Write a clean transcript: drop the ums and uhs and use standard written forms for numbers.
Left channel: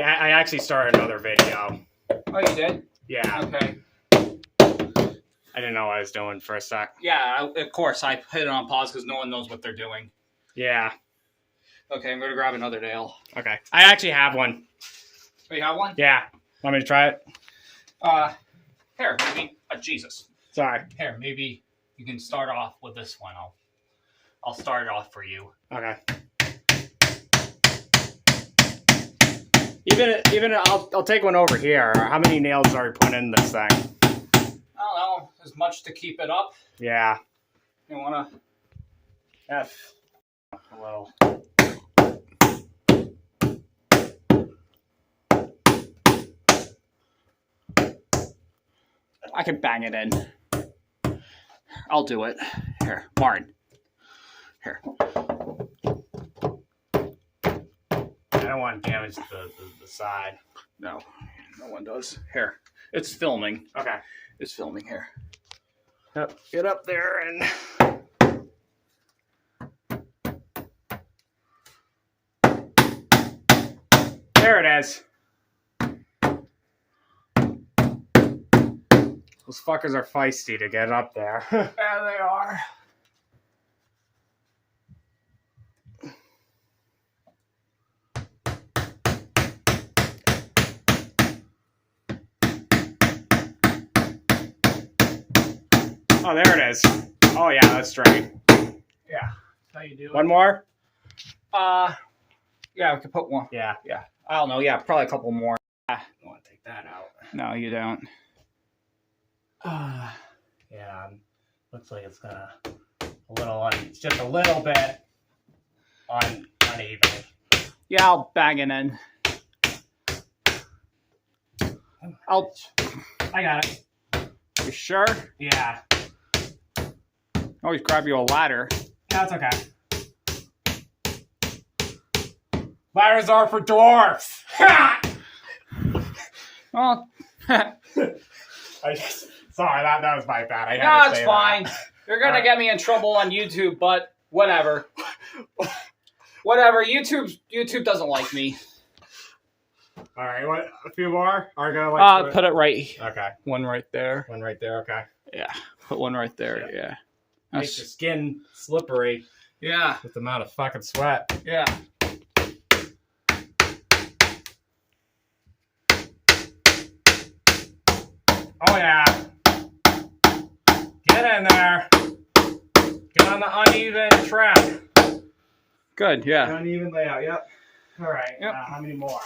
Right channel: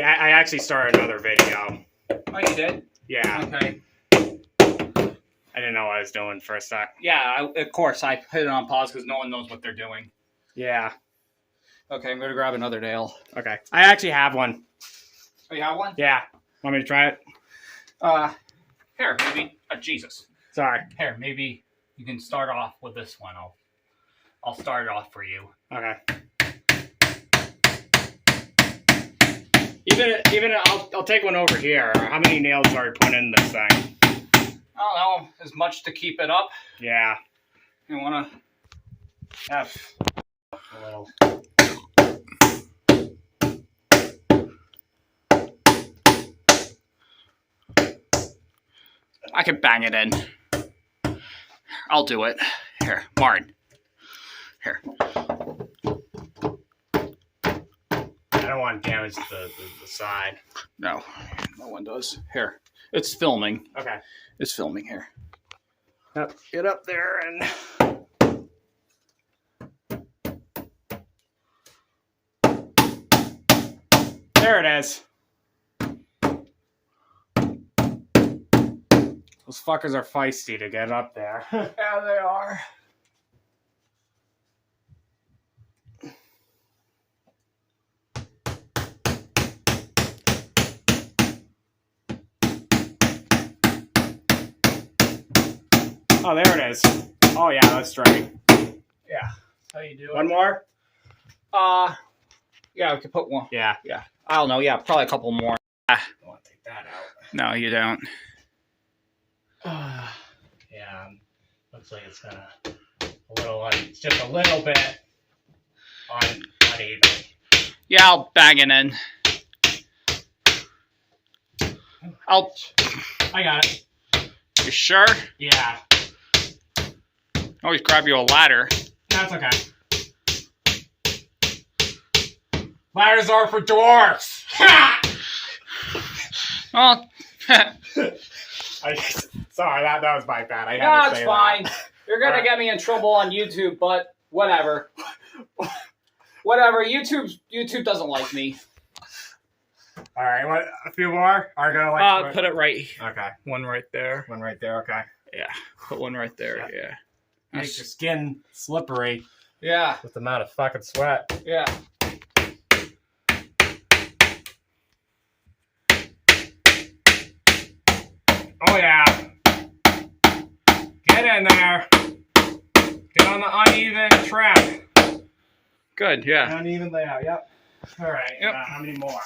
I actually started another video. Oh, you did? Yeah. Okay. I didn't know what I was doing for a sec. Yeah, of course. I put it on pause because no one knows what they're doing. Yeah. Okay, I'm going to grab another nail. Okay. I actually have one. Oh, you have one? Yeah. Want me to try it? Here, maybe. Jesus. Sorry. Here, maybe you can start off with this one. I'll start it off for you. Okay. Even I'll take one over here. How many nails are we putting in this thing? I don't know, as much to keep it up. Yeah. You want to F. A little. I can bang it in. I'll do it. Here, Martin. Here. I don't want to damage the side. No one does. Here. It's filming. Okay. It's filming here. Yep. Get up there and... There it is. Those fuckers are feisty to get up there. There they are. Oh, there it is. Oh, yeah, that's straight. Yeah. How you doing? One more? Yeah, we could put one. Yeah. Yeah. I don't know. Yeah, probably a couple more. I want to take that out. No, you don't. Yeah, looks like it's kind of a little, it's just a little bit uneven. Yeah, I'll bang it in. I got it. You sure? Yeah, Always grab you a ladder. that's okay. Ladders are for dwarfs. Well, Sorry, that was my bad. I had no, to it's say fine. that. You're gonna Alright. get me in trouble on YouTube, but whatever. Whatever. YouTube doesn't like me. All right, what? A few more? Are gonna like? Put it right. Okay, One right there. one right there. Okay. Yeah. Put one right there. Yeah. Makes your skin slippery Yeah. with the amount of fucking sweat. Yeah. Oh yeah. Get in there. Get on the uneven track. Good. Yeah. Uneven layout. Yep. All right. Yep. How many more?